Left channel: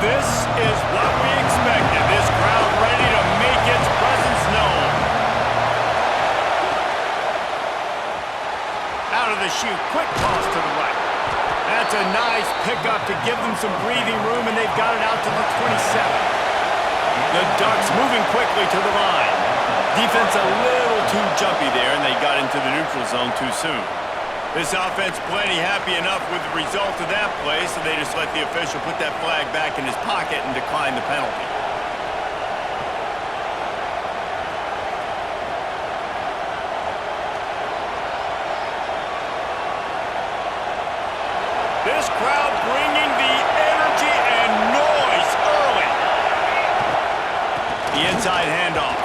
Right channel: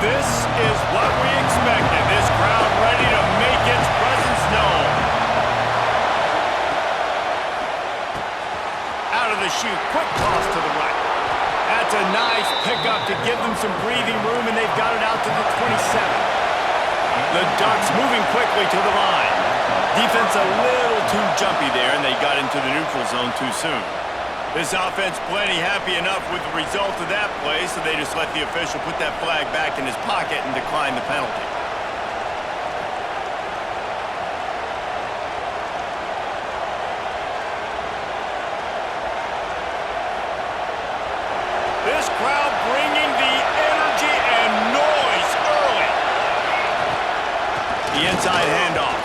This is what we expected. This crowd ready to make its presence known. Out of the chute, quick toss to the right. That's a nice pickup to give them some breathing room, and they've got it out to the 27. The Ducks moving quickly to the line. Defense a little too jumpy there, and they got into the neutral zone too soon. This offense plenty happy enough with the result of that play, so they just let the official put that flag back in his pocket and decline the penalty. This crowd bringing the energy and noise early. The inside handoff.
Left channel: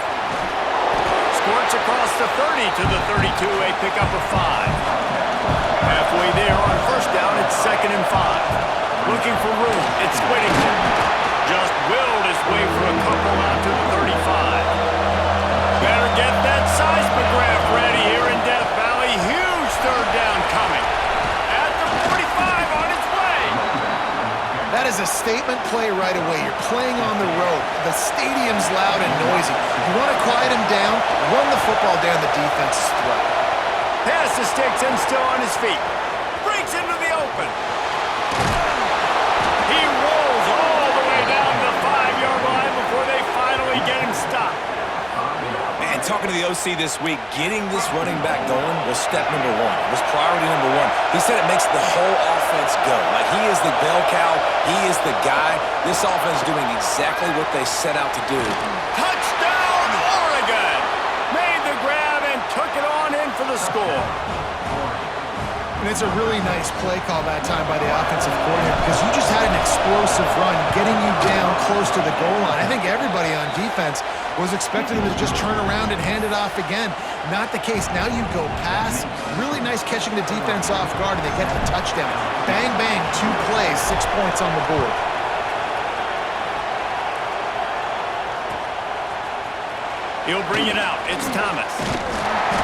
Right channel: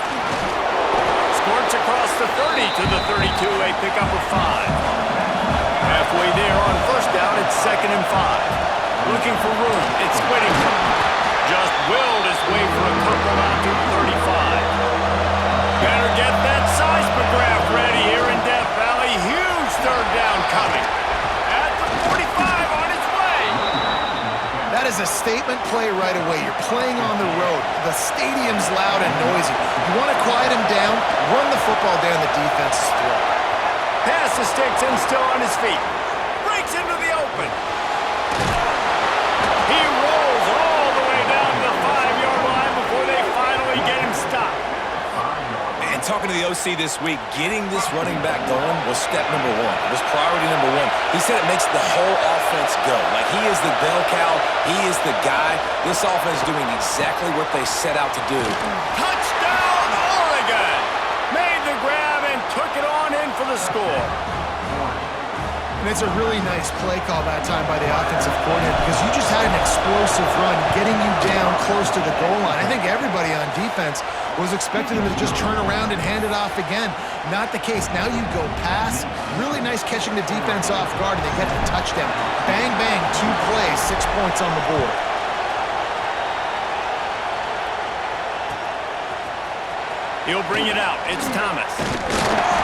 Squirts across the 30 to the 32, a pickup of 5. Halfway there on first down, it's 2nd and 5. Looking for room, it's Whittington. Just willed his way for a couple out to the 35. Better get that seismograph ready here in Death Valley. Huge third down coming. At the 45 on its way. That is a statement play right away. You're playing on the road. The stadium's loud and noisy. You want to quiet him down, run the football down the defense's throat. Pass the sticks and still on his feet. Breaks into the open. He rolls all the way down to the 5-yard line before they finally get him stopped. Man, talking to the OC this week, getting this running back going was step number 1. It was priority number 1. He said it makes the whole offense go. Like, he is the bell cow. He is the guy. This offense is doing exactly what they set out to do. Touchdown, Oregon! Made the grab and took it on in for the score. And it's a really nice play call that time by the offensive coordinator because you just had an explosive run getting you down close to the goal line. I think everybody on defense was expecting them to just turn around and hand it off again. Not the case. Now you go pass. Really nice catching the defense off guard, and they get the touchdown. Bang, bang, 2 plays, 6 points on the board. He'll bring it out. It's Thomas.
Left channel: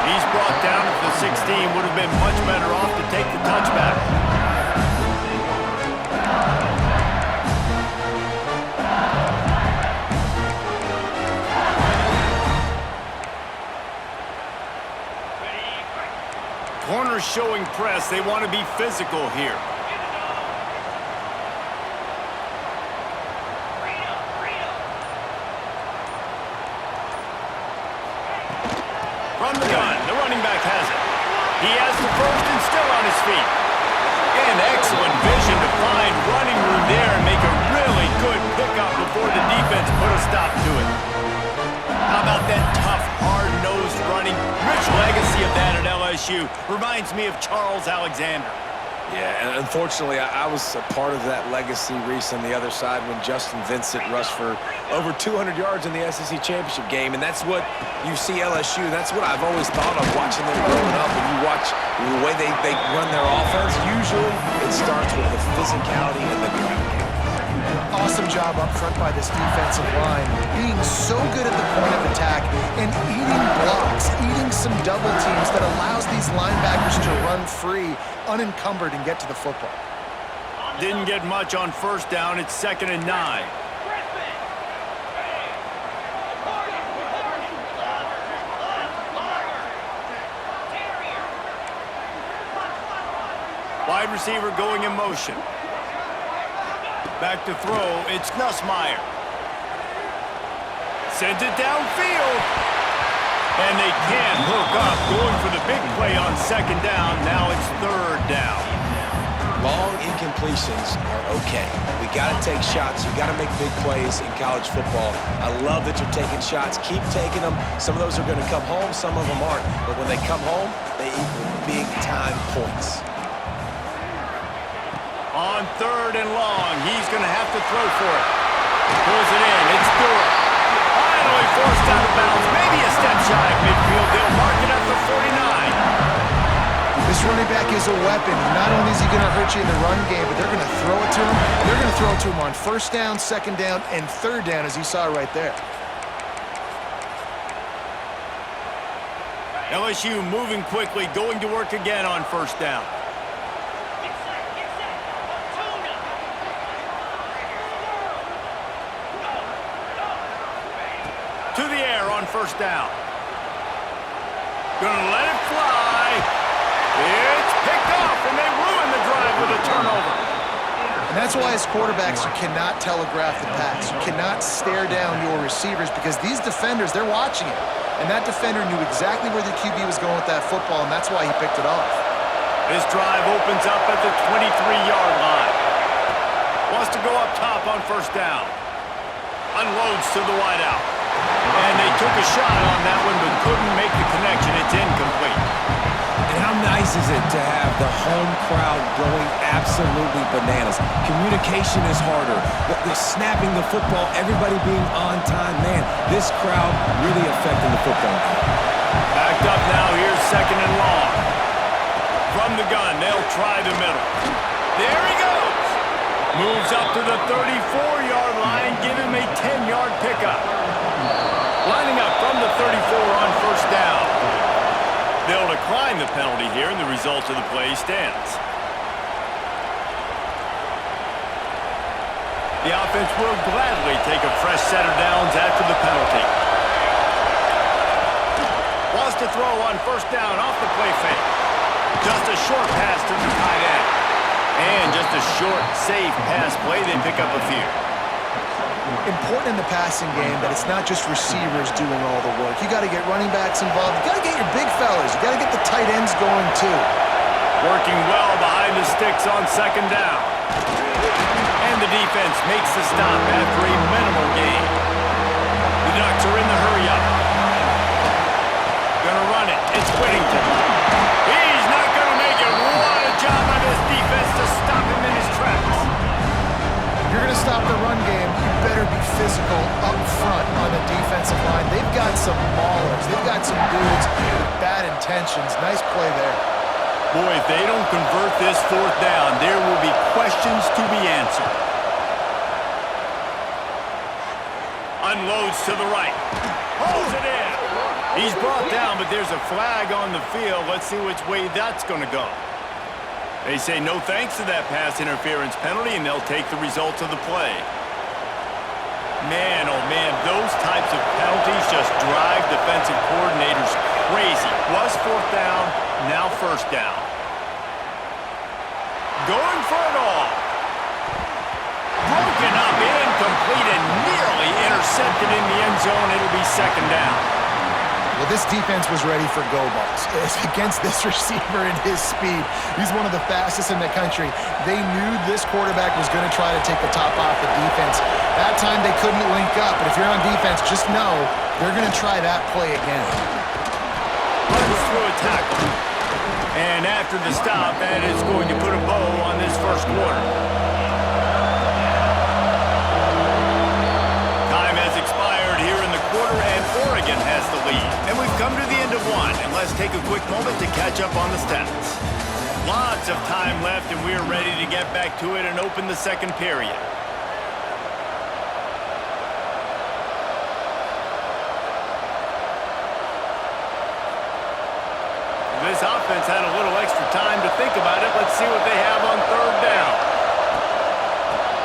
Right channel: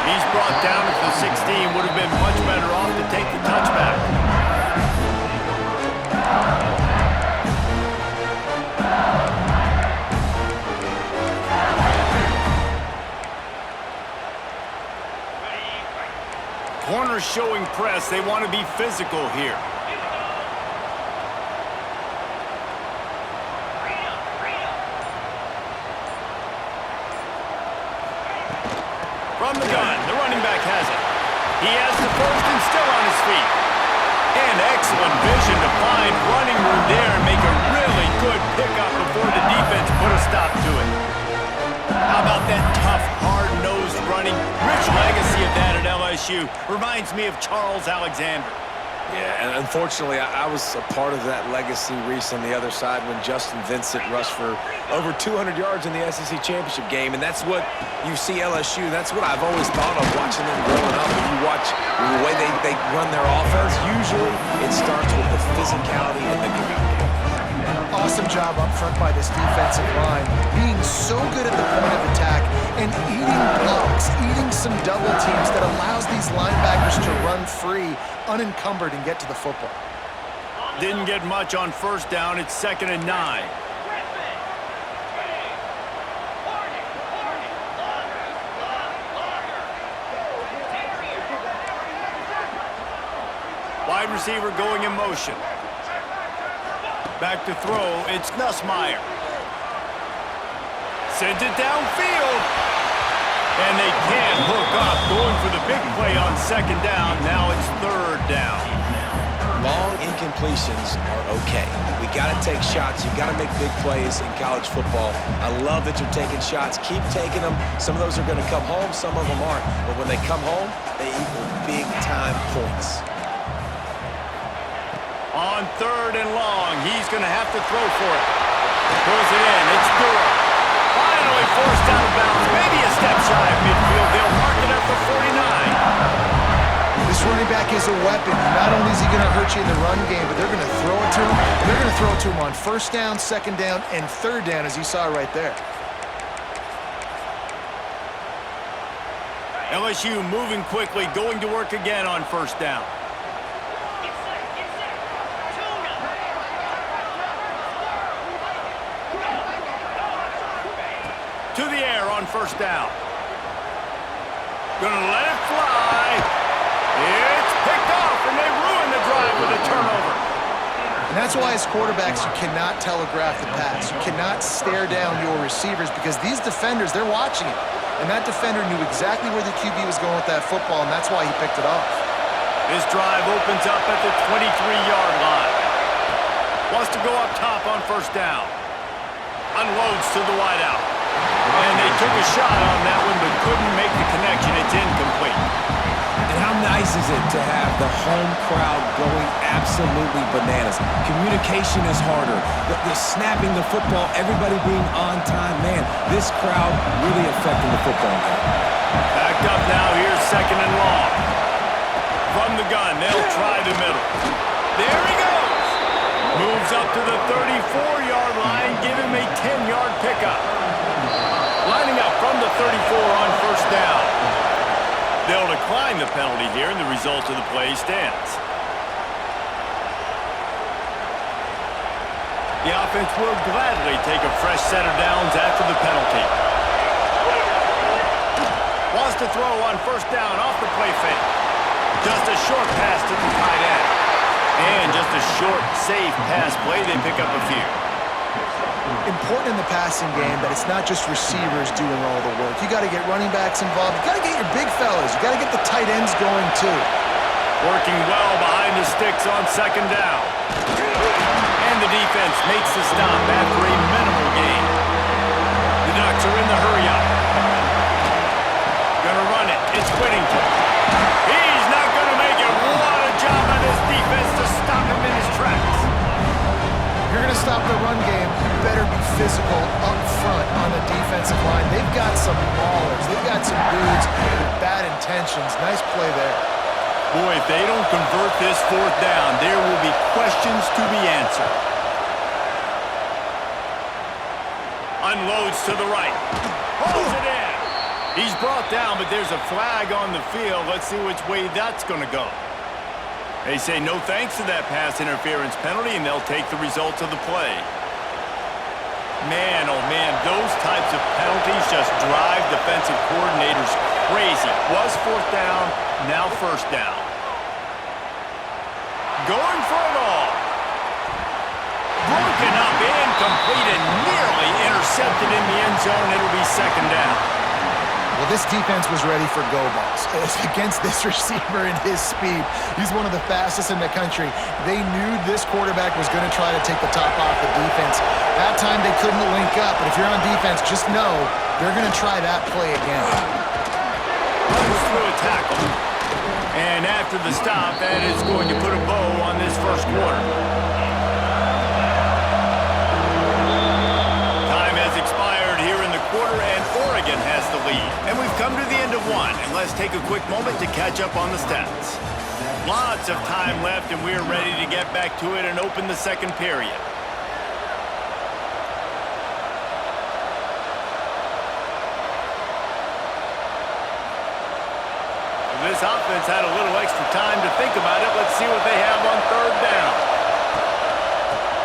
He's brought down at the 16. Would have been much better off to take the touchback. Corners showing press. They want to be physical here. From the gun, the running back has it. He has the first and still on his feet. And excellent vision to find running room there and make a really good pickup before the defense put a stop to it. How about that tough, hard-nosed running? Rich legacy of that at LSU. Reminds me of Charles Alexander. Yeah, and unfortunately, I was a part of that legacy, Reese, on the other side when Justin Vincent rushed for over 200 yards in the SEC Championship game, and that's what you see LSU. That's what I've always thought of watching them growing up. When you watch the way they run their offense, usually it starts with the physicality and the ground game. Awesome job up front by this defensive line, being so good at the point of attack and eating blocks, eating some double teams that allows these linebackers to run free, unencumbered, and get to the football. Didn't get much on first down. It's 2nd and 9. Wide receiver going in motion. Back to throw, it's Nussmeier. Sent it downfield. And they can't hook up. Going for the big play on 2nd down. Now it's 3rd down. Long incompletions are okay. We got to take shots. You got to make big plays in college football. I love that you're taking shots. Keep taking them. Some of those are going to come home. Some of them aren't. But when they come home, they equal big-time points. On 3rd and long, he's going to have to throw for it. Pulls it in. It's Durham. Finally forced out of bounds. Maybe a step shy of midfield. They'll mark it at the 49. This running back is a weapon. Not only is he going to hurt you in the run game, but they're going to throw it to him. They're going to throw it to him on 1st down, 2nd down, and 3rd down, as you saw right there. LSU moving quickly, going to work again on 1st down. To the air on first down. Gonna let it fly. It's picked off, and they ruin the drive with a turnover. And that's why as quarterbacks, you cannot telegraph the pass. You cannot stare down your receivers because these defenders, they're watching it. And that defender knew exactly where the QB was going with that football, and that's why he picked it off. This drive opens up at the 23-yard line. Wants to go up top on first down. Unloads to the wideout. And they took a shot on that one, but couldn't make the connection. It's incomplete. And how nice is it to have the home crowd going absolutely bananas? Communication is harder. The snapping the football, everybody being on time. Man, this crowd really affecting the football game. Backed up now. Here's second and long. From the gun, they'll try the middle. There he goes. Moves up to the 34-yard line. Give him a 10-yard pickup. Lining up from the 34 on first down. They'll decline the penalty here, and the result of the play stands. The offense will gladly take a fresh set of downs after the penalty. Wants to throw on first down off the play fake. Just a short pass to the tight end. And just a short, safe pass play. They pick up a few. Important in the passing game that it's not just receivers doing all the work. You got to get running backs involved. You got to get your big fellas. You got to get the tight ends going too. Working well behind the sticks on second down. And the defense makes the stop after a minimal gain. The Ducks are in the hurry-up. Gonna run it. It's Whittington. He's not gonna make it. What a job by this defense to stop him in his tracks. If you're going to stop the run game, you better be physical up front on the defensive line. They've got some maulers. They've got some dudes with bad intentions. Nice play there. Boy, if they don't convert this fourth down, there will be questions to be answered. Unloads to the right. Pulls it in. He's brought down, but there's a flag on the field. Let's see which way that's going to go. They say no thanks to that pass interference penalty, and they'll take the results of the play. Man, oh man, those types of penalties just drive defensive coordinators crazy. Was fourth down, now first down. Going for it all. Broken up, incomplete, and nearly intercepted in the end zone. It'll be second down. Well, this defense was ready for go balls. It's against this receiver and his speed. He's one of the fastest in the country. They knew this quarterback was going to try to take the top off the defense. That time they couldn't link up, but if you're on defense, just know they're going to try that play again. Runs through a tackle. And after the stop, that is going to put a bow on this first quarter. Time has expired here in the quarter, and Oregon has the lead. And we've come to the end of one, and let's take a quick moment to catch up on the stats. Lots of time left, and we're ready to get back to it and open the second period. This offense had a little extra time to think about it. Let's see what they have on third down.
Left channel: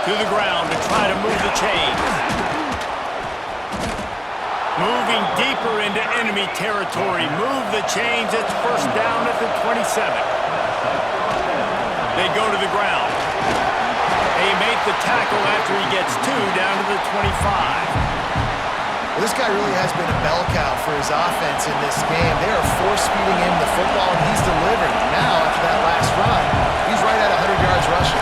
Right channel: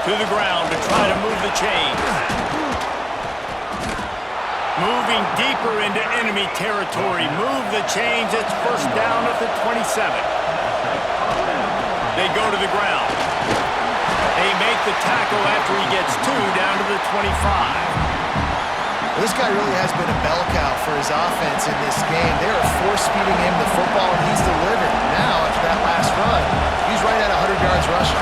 To the ground to try to move the chains. Moving deeper into enemy territory. Move the chains. It's first down at the 27. They go to the ground. They make the tackle after he gets two down to the 25. Well, this guy really has been a bell cow for his offense in this game. They are force-feeding him the football, and he's delivered. Now, after that last run, he's right at 100 yards rushing.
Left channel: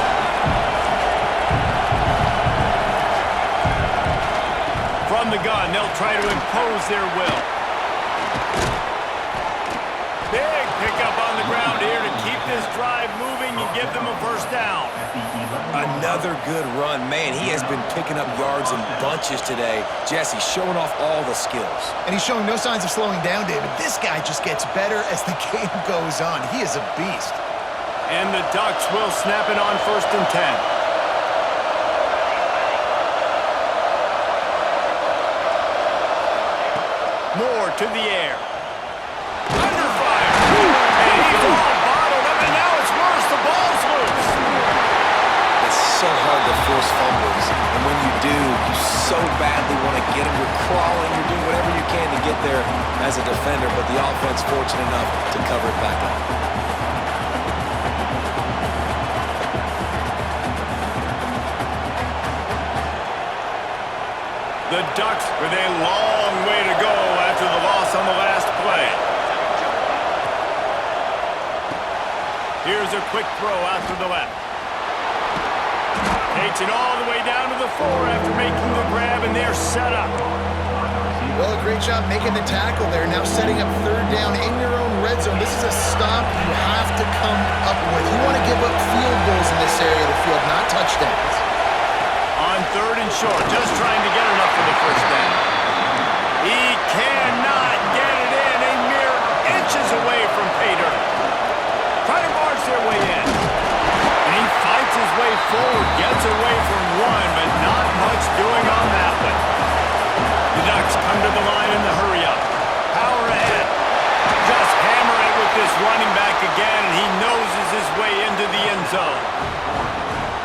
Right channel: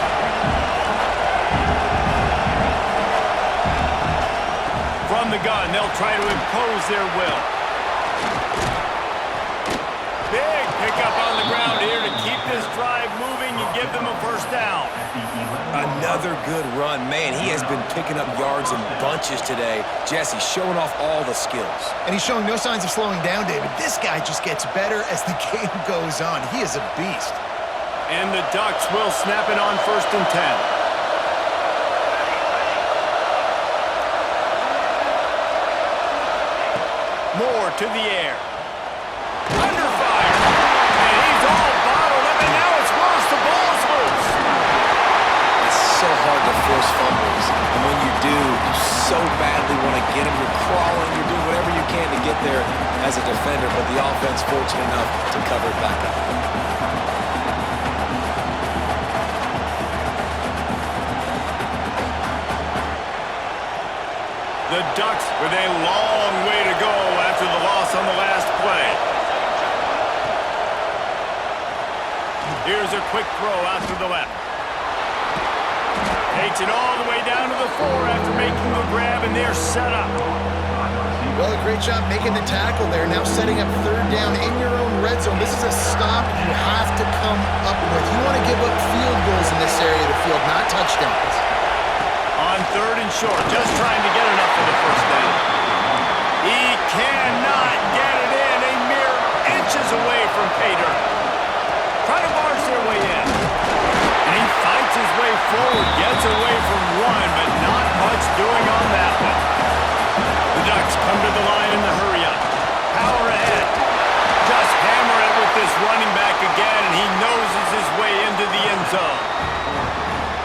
From the gun, they'll try to impose their will. Big pickup on the ground here to keep this drive moving and give them a first down. Another good run. Man, he has been picking up yards in bunches today. Jesse showing off all the skills. And he's showing no signs of slowing down, David. This guy just gets better as the game goes on. He is a beast. And the Ducks will snap it on first and 10. Moore to the air. Under fire. And he's all bottled up, and now it's worse. The ball's loose. It's so hard to force fumbles. And when you do, you so badly want to get them. You're crawling. You're doing whatever you can to get there as a defender, but the offense fortunate enough to cover it back up. The Ducks with a long way to go after the loss on the last play. Here's a quick throw out to the left. Takes it all the way down to the 4 after making the grab, and they're set up. Well, a great job making the tackle there. Now setting up third down in your own red zone. This is a stop you have to come up with. You want to give up field goals in this area of the field, not touchdowns. On 3rd and short, just trying to get enough for the first down. He cannot get it in, a mere inches away from pay dirt. Try to barge their way in. And he fights his way forward, gets away from one, but not much doing on that one. The Ducks come to the line in the hurry-up. Power ahead. Just hammer it with this running back again, and he noses his way into the end zone.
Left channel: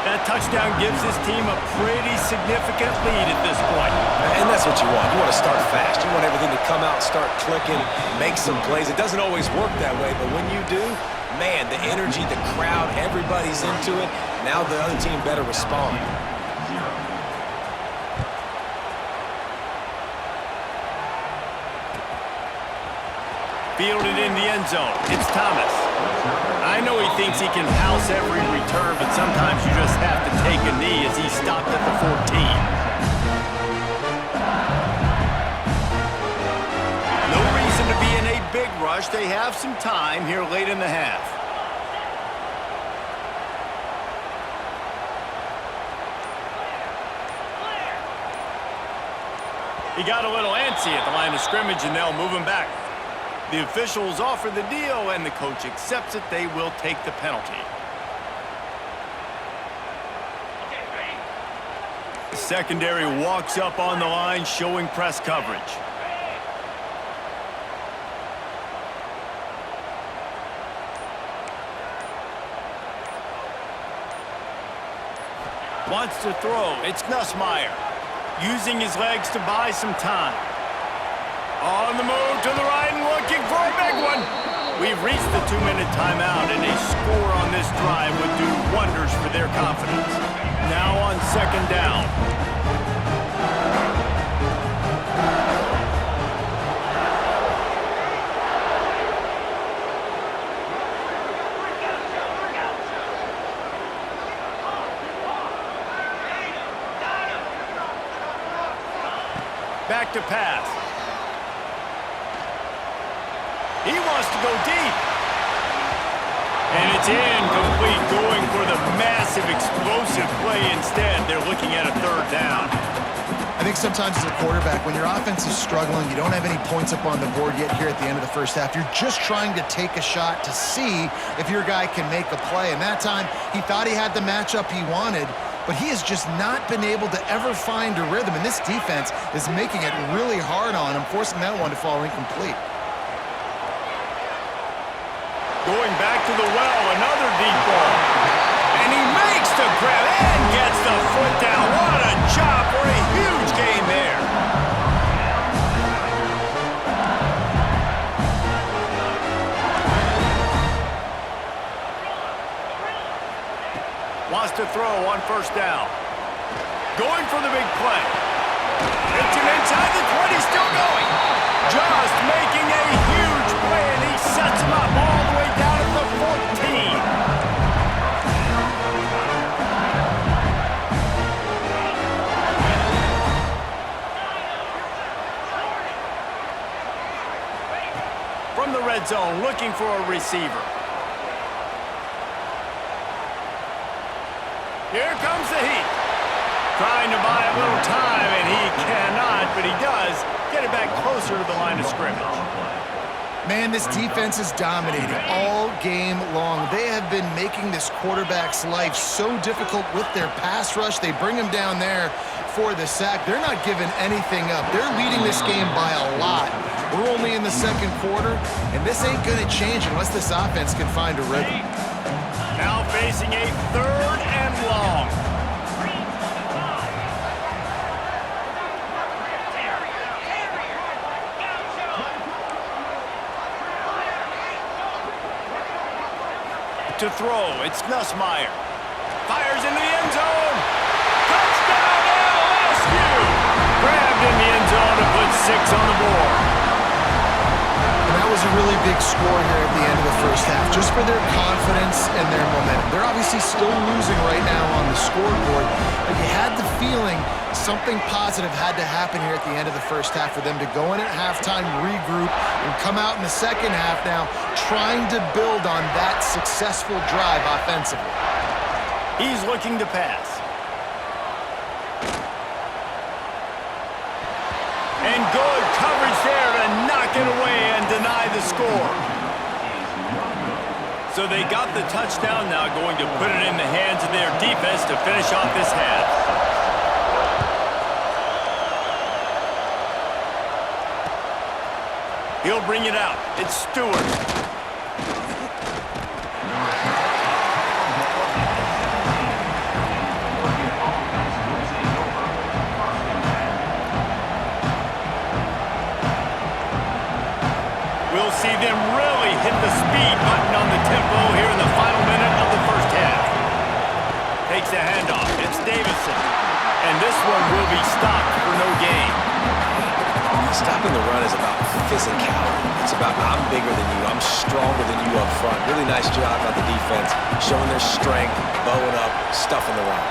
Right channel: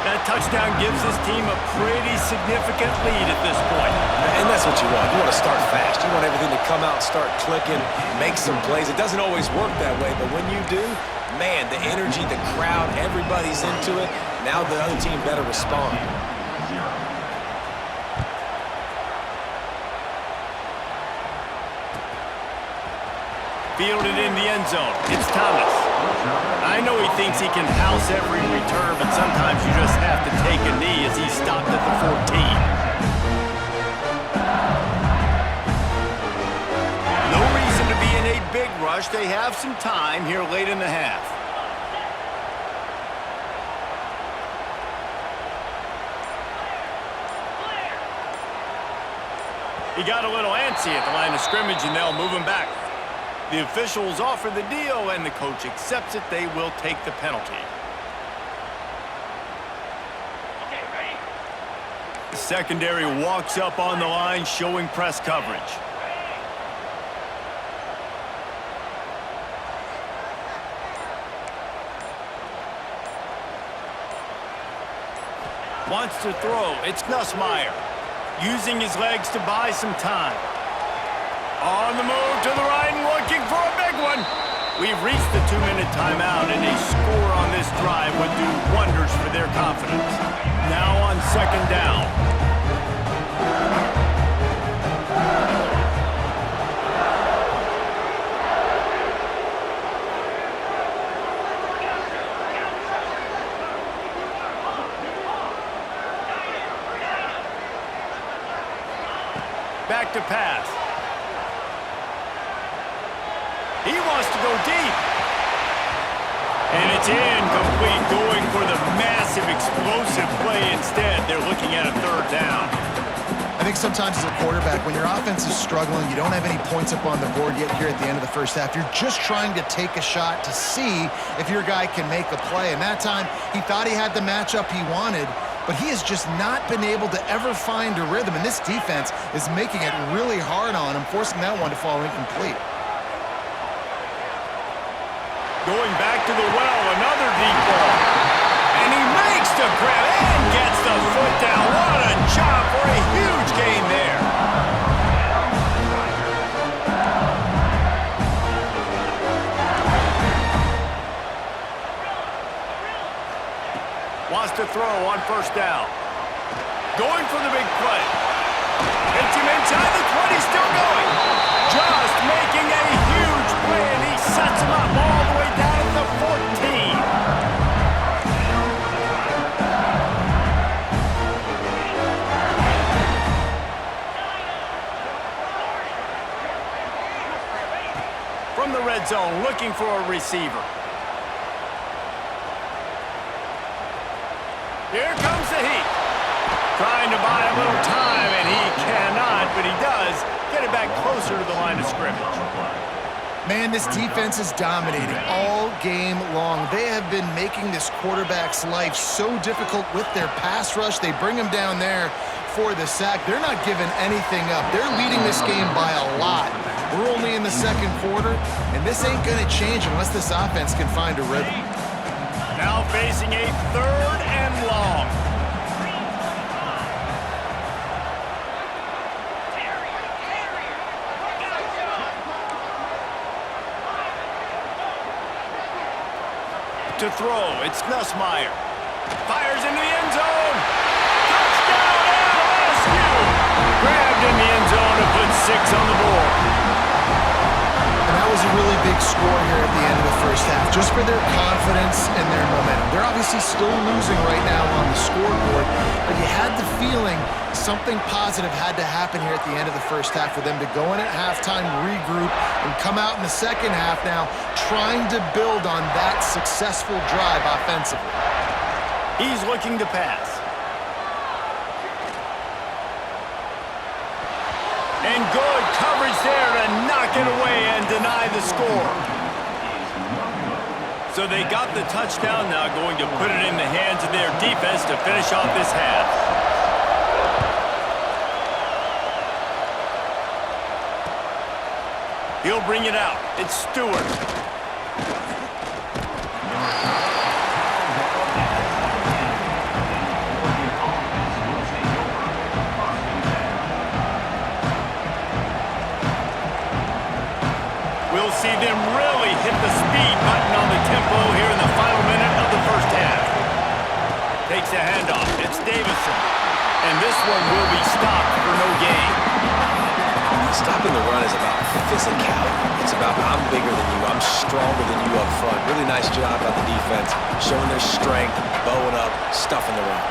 That touchdown gives his team a pretty significant lead at this point. And that's what you want. You want to start fast. You want everything to come out and start clicking, make some plays. It doesn't always work that way, but when you do, man, the energy, the crowd, everybody's into it. Now the other team better respond. Fielded in the end zone. It's Thomas. I know he thinks he can house every return, but sometimes you just have to take a knee as he stopped at the 14. No reason to be in a big rush. They have some time here late in the half. He got a little antsy at the line of scrimmage, and they'll move him back. The officials offer the deal, and the coach accepts it. They will take the penalty. Okay, ready? The secondary walks up on the line, showing press coverage. Wants to throw. It's Nussmeier. Using his legs to buy some time. On the move to the right and looking for a big one. We've reached the 2-minute timeout, and a score on this drive would do wonders for their confidence. Now on 2nd down. Back to pass. He wants to go deep. And it's incomplete, going for the massive, explosive play instead. They're looking at a 3rd down. I think sometimes as a quarterback, when your offense is struggling, you don't have any points up on the board yet here at the end of the first half. You're just trying to take a shot to see if your guy can make a play. And that time, he thought he had the matchup he wanted, but he has just not been able to ever find a rhythm. And this defense is making it really hard on him, forcing that one to fall incomplete. Going back to the well, another deep ball. And he makes the grab and gets the foot down. What a job for a huge gain there. Wants to throw on 1st down. Going for the big play. Hits him inside the 20, still going. Just making a huge play, and he sets him up all the way down at the 14. From the red zone, looking for a receiver. Here comes the heat. Trying to buy a little time, and he cannot, but he does get it back closer to the line of scrimmage. Man, this defense is dominating all game long. They have been making this quarterback's life so difficult with their pass rush. They bring him down there for the sack. They're not giving anything up. They're leading this game by a lot. We're only in the 2nd quarter, and this ain't going to change unless this offense can find a rhythm. Now facing a 3rd and long. to throw. It's Nussmeier. Fires into the end zone. Touchdown, LSU! Grabbed in the end zone to put 6 on the board. And that was a really big score here at the end of the first half, just for their confidence and their momentum. They're obviously still losing right now on the scoreboard, but you had the feeling something positive had to happen here at the end of the first half for them to go in at halftime, regroup, and come out in the second half now trying to build on that successful drive offensively. He's looking to pass. And good coverage there to knock it away and deny the score. So they got the touchdown, now going to put it in the hands of their defense to finish off this half. He'll bring it out. It's Stewart. We'll see them really hit the speed button on the tempo here in the final minute of the first half. Takes the handoff. It's Davison. And this one will be stopped for no gain. Stopping the run is about physicality. It's about I'm bigger than you. I'm stronger than you up front. Really nice job by the defense, showing their strength, bowing up, stuffing the run.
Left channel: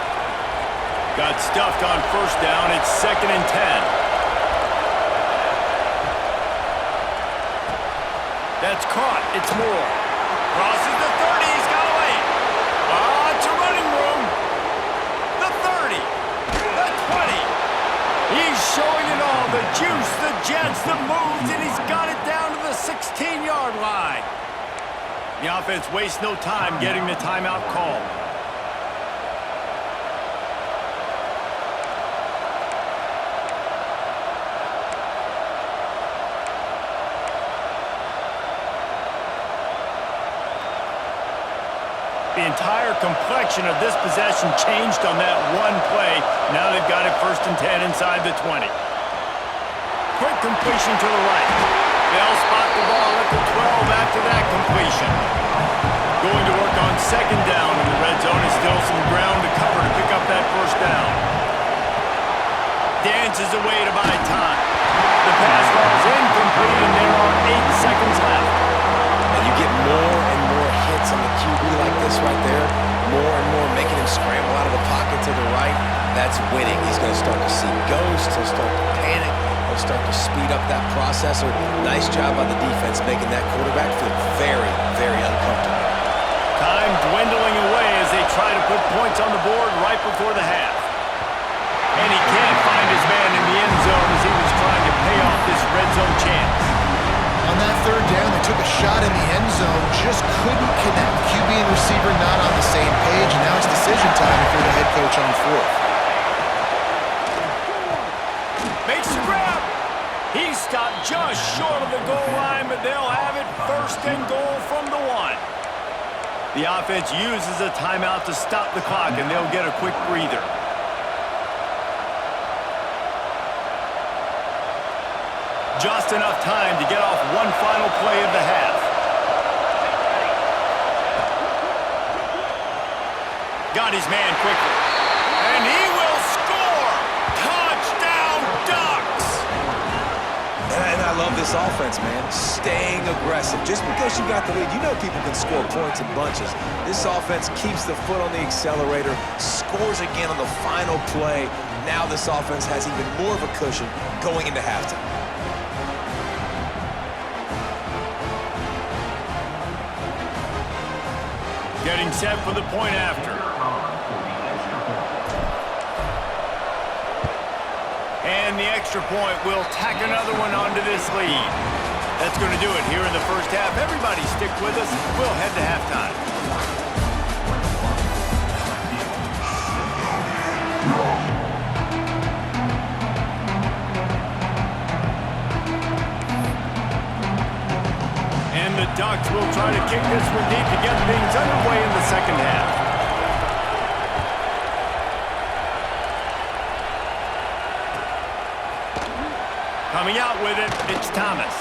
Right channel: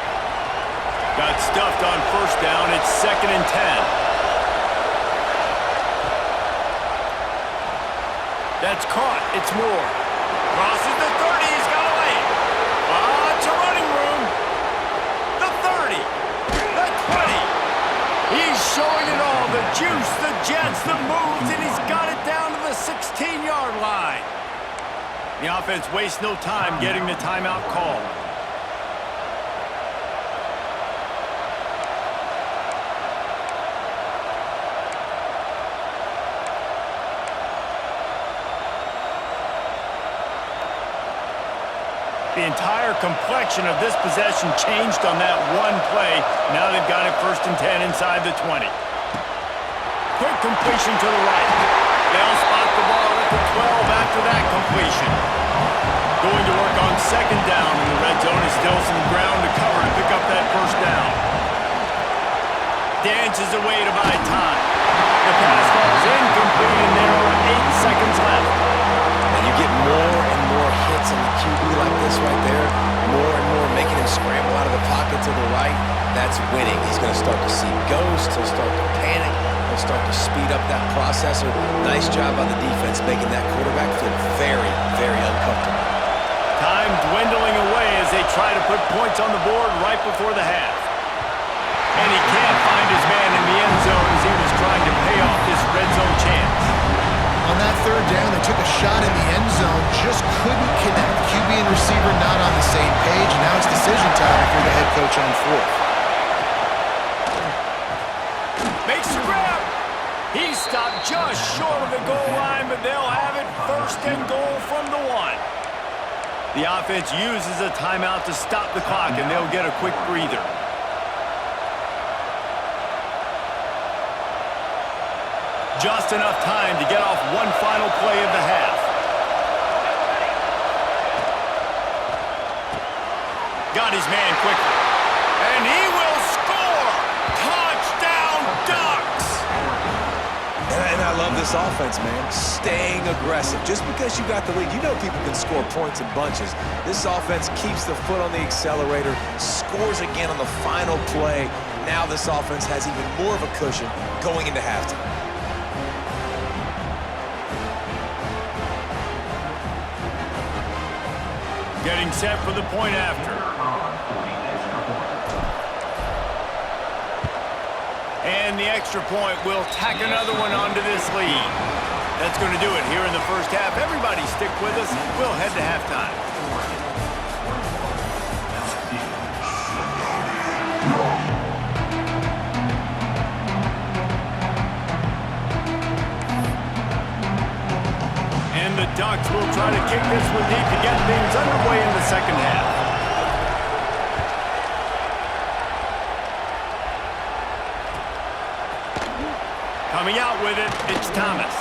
Got stuffed on first down. It's 2nd and 10. That's caught. It's Moore. Crosses the 30. He's got away. Lots of running room. The 30. The 20. He's showing it all. The juice, the jets, the moves, and he's got it down to the 16-yard line. The offense wastes no time getting the timeout called. The entire complexion of this possession changed on that one play. Now they've got it 1st and 10 inside the 20. Quick completion to the right. They'll spot the ball at the 12 after that completion. Going to work on 2nd down, and the red zone is still some ground to cover to pick up that 1st down. Dances away to buy time. The pass falls incomplete, and there are 8 seconds left. And you get more and more hits on the QB like this right there. More and more making him scramble out of the pocket to the right. That's winning. He's going to start to see ghosts. He'll start to panic. He'll start to speed up that processor. Nice job by the defense making that quarterback feel very, very uncomfortable. Time dwindling away as they try to put points on the board right before the half. And he can't find his man in the end zone as he was trying to pay off this red zone chance. On that 3rd down, they took a shot in the end zone, just couldn't connect. QB and receiver not on the same page, and now it's decision time if you're the head coach on 4th. Makes the grab. He stopped just short of the goal line, but they'll have it 1st and goal from the 1. The offense uses a timeout to stop the clock, and they'll get a quick breather. Just enough time to get off one final play of the half. Got his man quickly. And he will score! Touchdown, Ducks! And I love this offense, man. Staying aggressive. Just because you got the lead, you know people can score points in bunches. This offense keeps the foot on the accelerator, scores again on the final play. Now this offense has even more of a cushion going into halftime. Getting set for the point after. And the extra point will tack another one onto this lead. That's going to do it here in the first half. Everybody stick with us. We'll head to halftime. And the Ducks will try to kick this one deep to get things underway in the second half. Coming out with it, it's Thomas.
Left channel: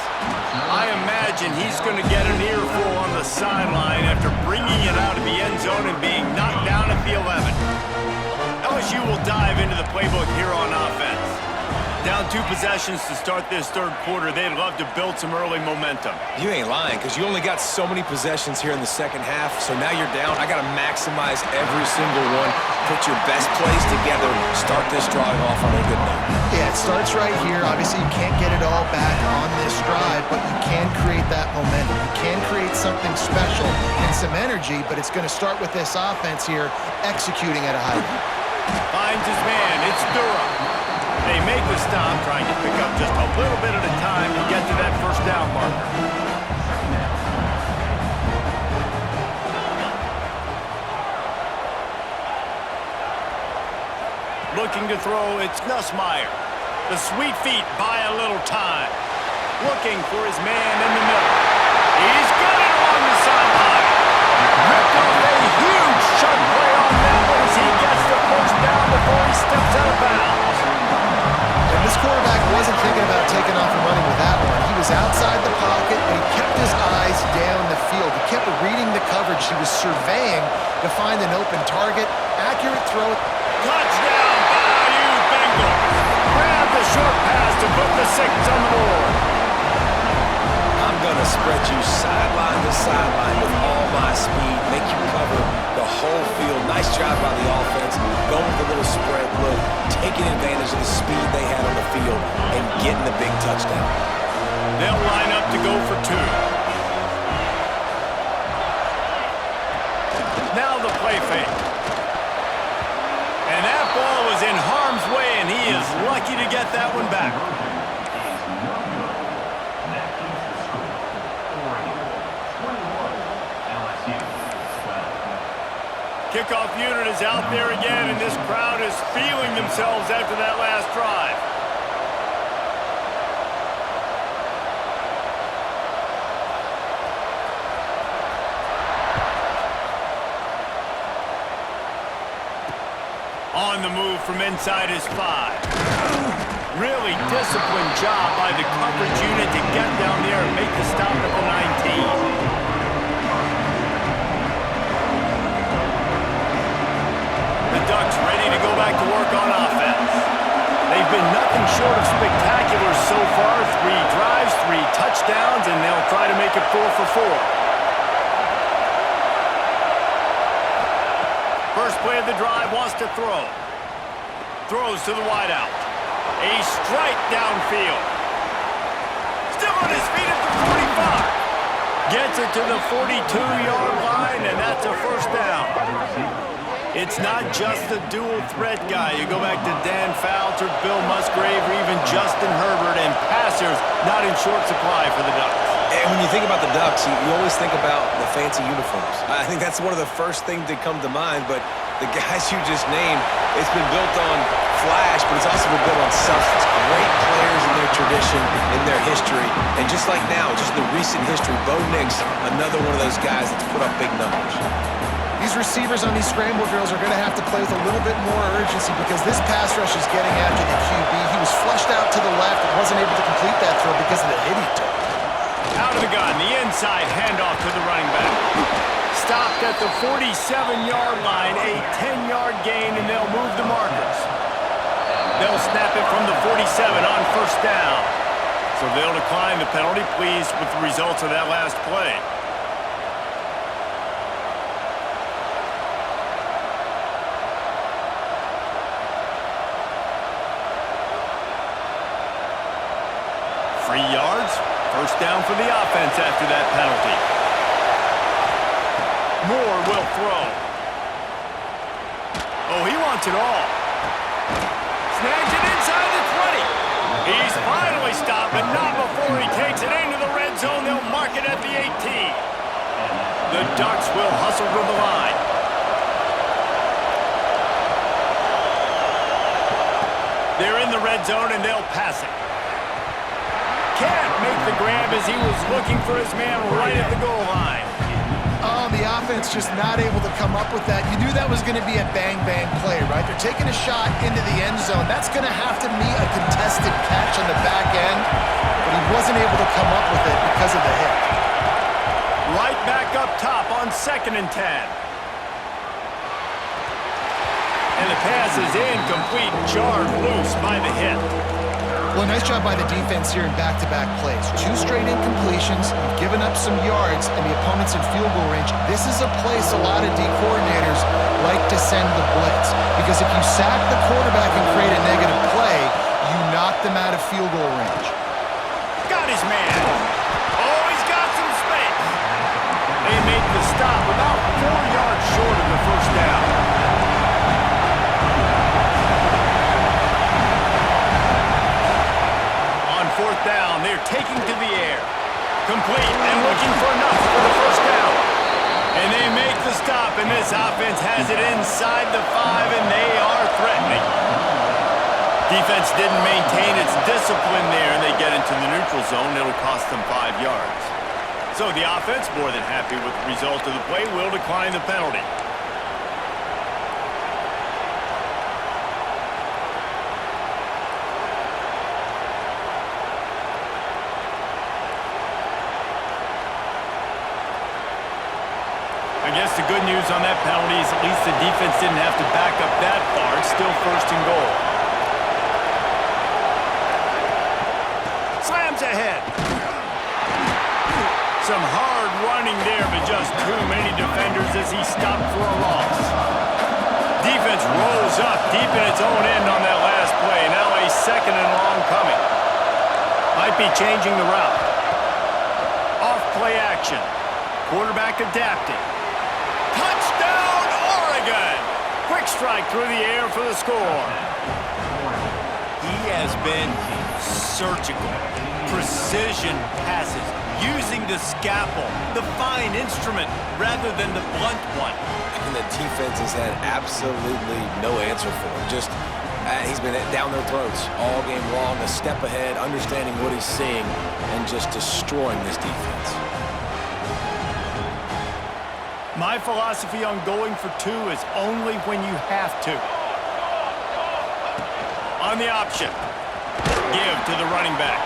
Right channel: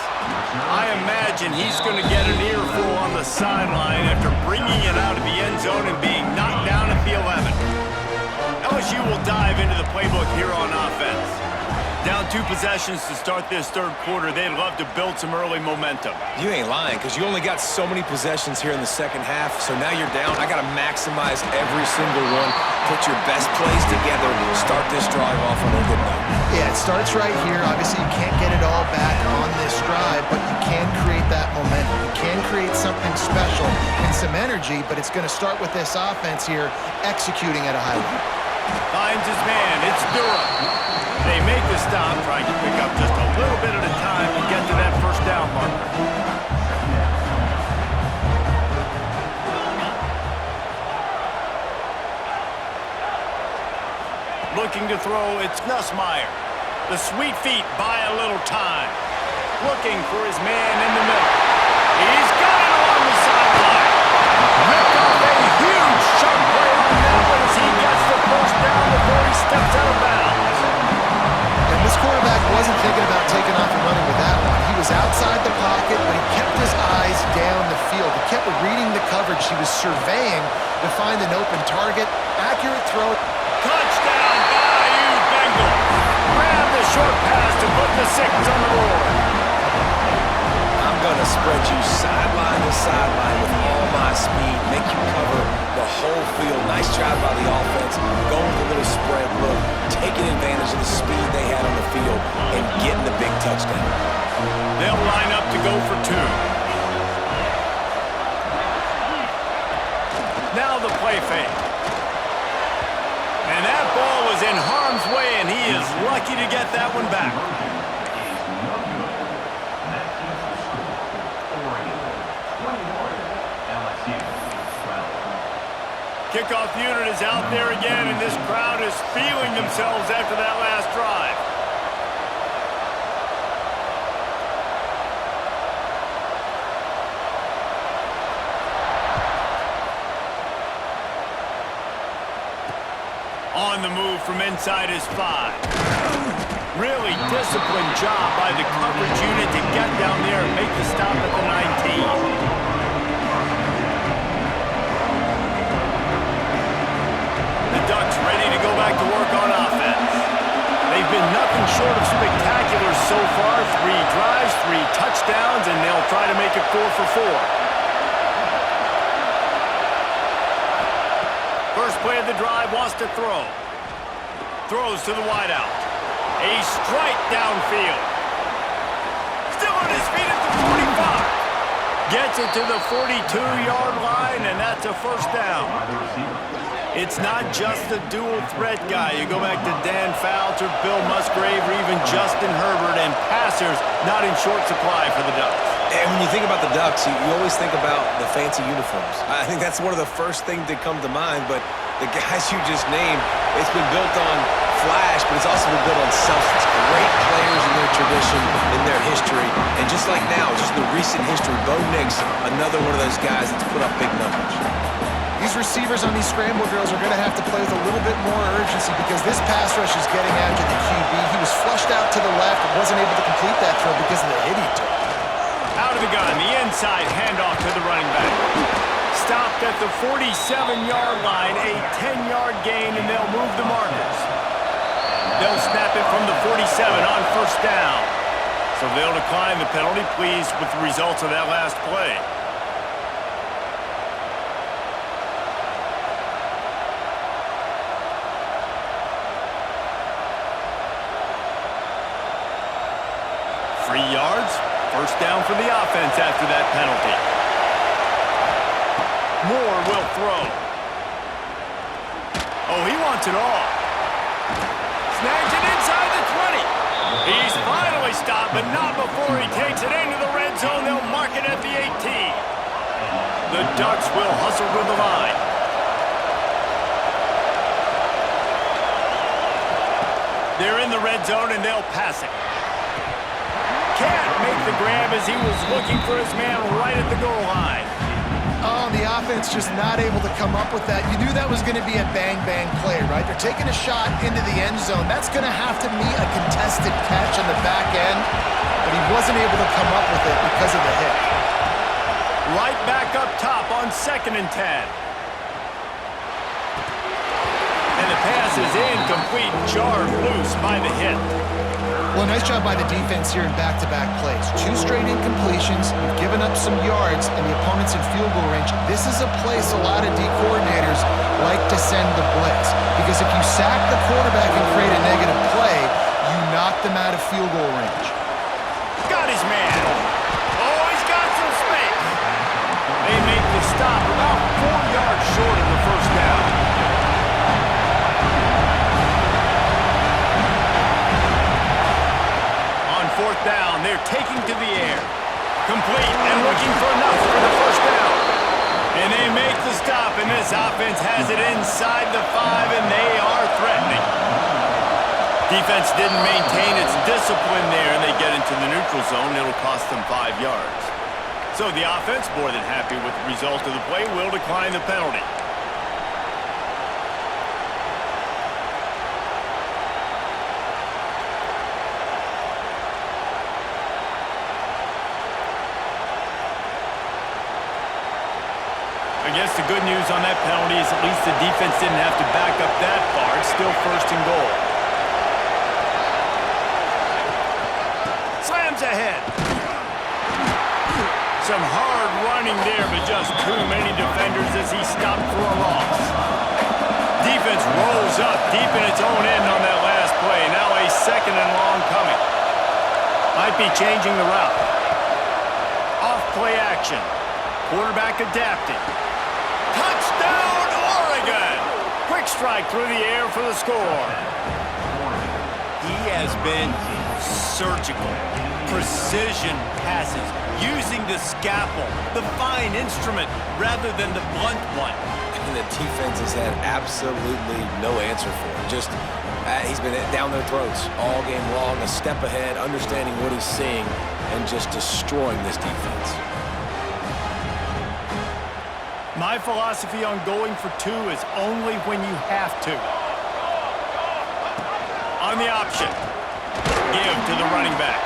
I imagine he's going to get an earful on the sideline after bringing it out of the end zone and being knocked down at the 11. LSU will dive into the playbook here on offense. Down 2 possessions to start this third quarter. They'd love to build some early momentum. You ain't lying, because you only got so many possessions here in the second half, so now you're down. I got to maximize every single one, put your best plays together, start this drive off on a good note. Yeah, it starts right here. Obviously, you can't get it all back on this drive, but you can create that momentum. You can create something special and some energy, but it's going to start with this offense here executing at a high level. Finds his man. It's Durham. They make the stop, trying to pick up just a little bit at a time to get to that first down marker. Looking to throw, it's Nussmeier. The sweet feet buy a little time. Looking for his man in the middle. He's got it along the sideline. Ripped off a huge chunk play on that one as he gets the first down before he steps out of bounds. And this quarterback wasn't thinking about taking off and running with that one. He was outside the pocket, but he kept his eyes down the field. He kept reading the coverage. He was surveying to find an open target. Accurate throw. Touchdown, Bayou Bengals. Grab the short pass to put the 6 on the board. I'm going to spread you sideline to sideline with all my speed, make you cover the whole field. Nice job by the offense, going with a little spread look, taking advantage of the speed they had on the field, and getting the big touchdown. They'll line up to go for 2. Now the play fake. And that ball was in harm's way, and he is lucky to get that one back. Kickoff unit is out there again, and this crowd is feeling themselves after that last drive. On the move from inside his 5. Really disciplined job by the coverage unit to get down there and make the stop at the 19. Ducks ready to go back to work on offense. They've been nothing short of spectacular so far. 3 drives, 3 touchdowns, and they'll try to make it 4 for 4. First play of the drive, wants to throw. Throws to the wideout. A strike downfield. Still on his feet at the 45. Gets it to the 42-yard line, and that's a first down. It's not just the dual threat guy. You go back to Dan Fouts or Bill Musgrave or even Justin Herbert, and passers not in short supply for the Ducks. And when you think about the Ducks, you always think about the fancy uniforms. I think that's one of the first things that come to mind, but the guys you just named, it's been built on flash, but it's also been built on substance. Great players in their tradition, in their history, and just like now, just the recent history, Bo Nix, another one of those guys that's put up big numbers. These receivers on these scramble drills are going to have to play with a little bit more urgency because this pass rush is getting after the QB. He was flushed out to the left and wasn't able to complete that throw because of the hit he took. Out of the gun, the inside handoff to the running back. Stopped at the 47-yard line, a 10-yard gain, and they'll move the markers. They'll snap it from the 47 on first down. So they'll decline the penalty, pleased with the results of that last play. Free yards, first down for the offense after that penalty. Moore will throw. Oh, he wants it all. Snags it inside the 20. He's finally stopped, but not before he takes it into the red zone. They'll mark it at the 18. The Ducks will hustle to the line. They're in the red zone, and they'll pass it. Can't make the grab as he was looking for his man right at the goal line. Oh, the offense just not able to come up with that. You knew that was going to be a bang-bang play, right? They're taking a shot into the end zone. That's going to have to meet a contested catch on the back end, but he wasn't able to come up with it because of the hit. Right back up top on 2nd and 10. And the pass is incomplete, jarred loose by the hit. Well, nice job by the defense here in back-to-back plays. 2 straight incompletions, you've given up some yards, and the opponent's in field goal range. This is a place a lot of D coordinators like to send the blitz, because if you sack the quarterback and create a negative play, you knock them out of field goal range. Got his man. Oh, he's got some space. They make the stop about 4 yards short of the first down. On 4th down, they're taking to the air. Complete and looking for enough for the first down. And they make the stop, and this offense has it inside the 5, and they are threatening. Defense didn't maintain its discipline there, and they get into the neutral zone. It'll cost them 5 yards. So the offense, more than happy with the result of the play, will decline the penalty. I guess the good news on that penalty is at least the defense didn't have to back up that far. It's still 1st and goal. Slams ahead. Some hard running there, but just too many defenders as he stopped for a loss. Defense rolls up deep in its own end on that last play. Now a 2nd and long coming. Might be changing the route. Off play action. Quarterback adapting. Touchdown, Oregon! Quick strike through the air for the score. He has been surgical. Precision passes, using the scalpel, the fine instrument, rather than the blunt one. And the defense has had absolutely no answer for him. Just, he's been down their throats all game long, a step ahead, understanding what he's seeing, and just destroying this defense. My philosophy on going for 2 is only when you have to. On the option. Give to the running back.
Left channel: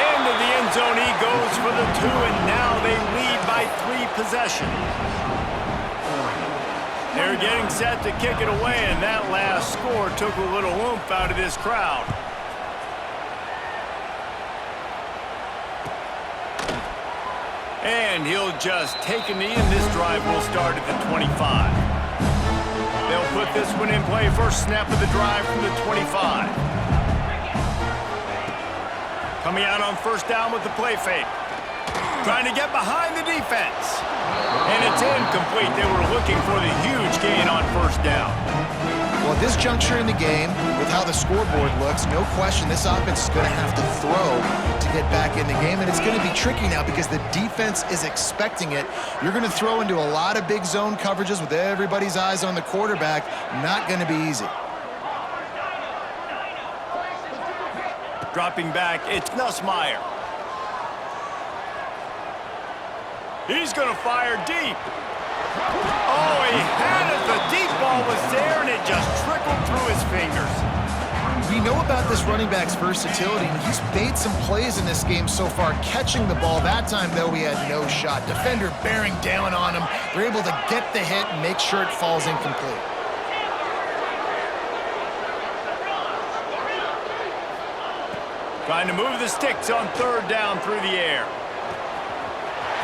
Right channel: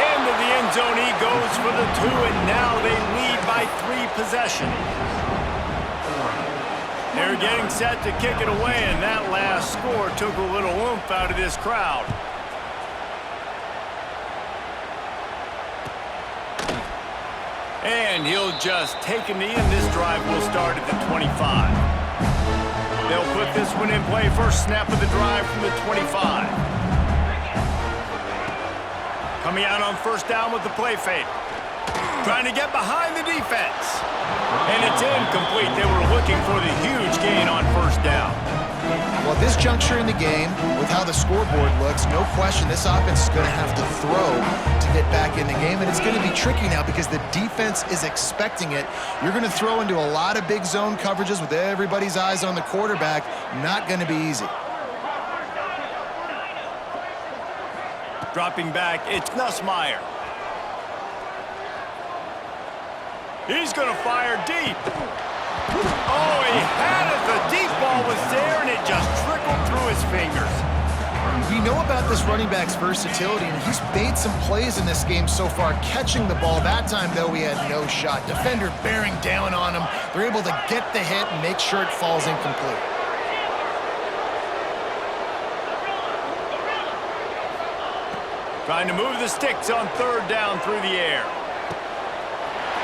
Into the end zone he goes for the 2, and now they lead by 3 possessions. They're getting set to kick it away, and that last score took a little oomph out of this crowd. And he'll just take a knee, and this drive will start at the 25. They'll put this one in play. First snap of the drive from the 25. Coming out on 1st down with the play fake. Trying to get behind the defense. And it's incomplete. They were looking for the huge gain on 1st down. Well, at this juncture in the game, with how the scoreboard looks, no question this offense is going to have to throw to get back in the game, and it's going to be tricky now because the defense is expecting it. You're going to throw into a lot of big zone coverages with everybody's eyes on the quarterback. Not going to be easy. Dropping back, it's Nussmeier. He's going to fire deep. Oh, he had it. The deep ball was there, and it just trickled through his fingers. We know about this running back's versatility, and he's made some plays in this game so far, catching the ball. That time, though, he had no shot. Defender bearing down on him. They're able to get the hit and make sure it falls incomplete. Trying to move the sticks on 3rd down through the air.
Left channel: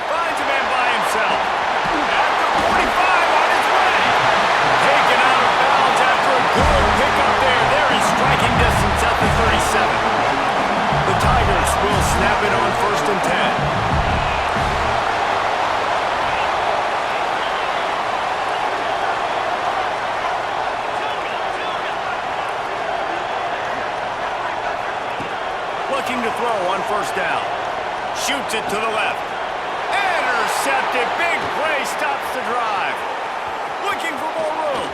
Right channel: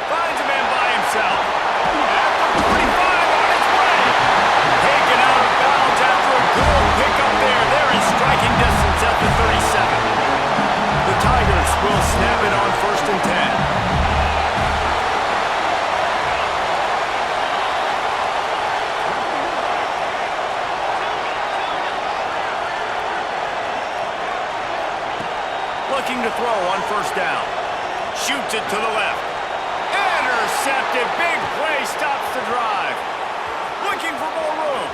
Finds a man by himself. At the 45 on his way. Taken out of bounds after a good pickup there. They're in striking distance at the 37. The Tigers will snap it on 1st and 10. Looking to throw on 1st down. Shoots it to the left. Intercepted. Big play stops the drive. Looking for more room.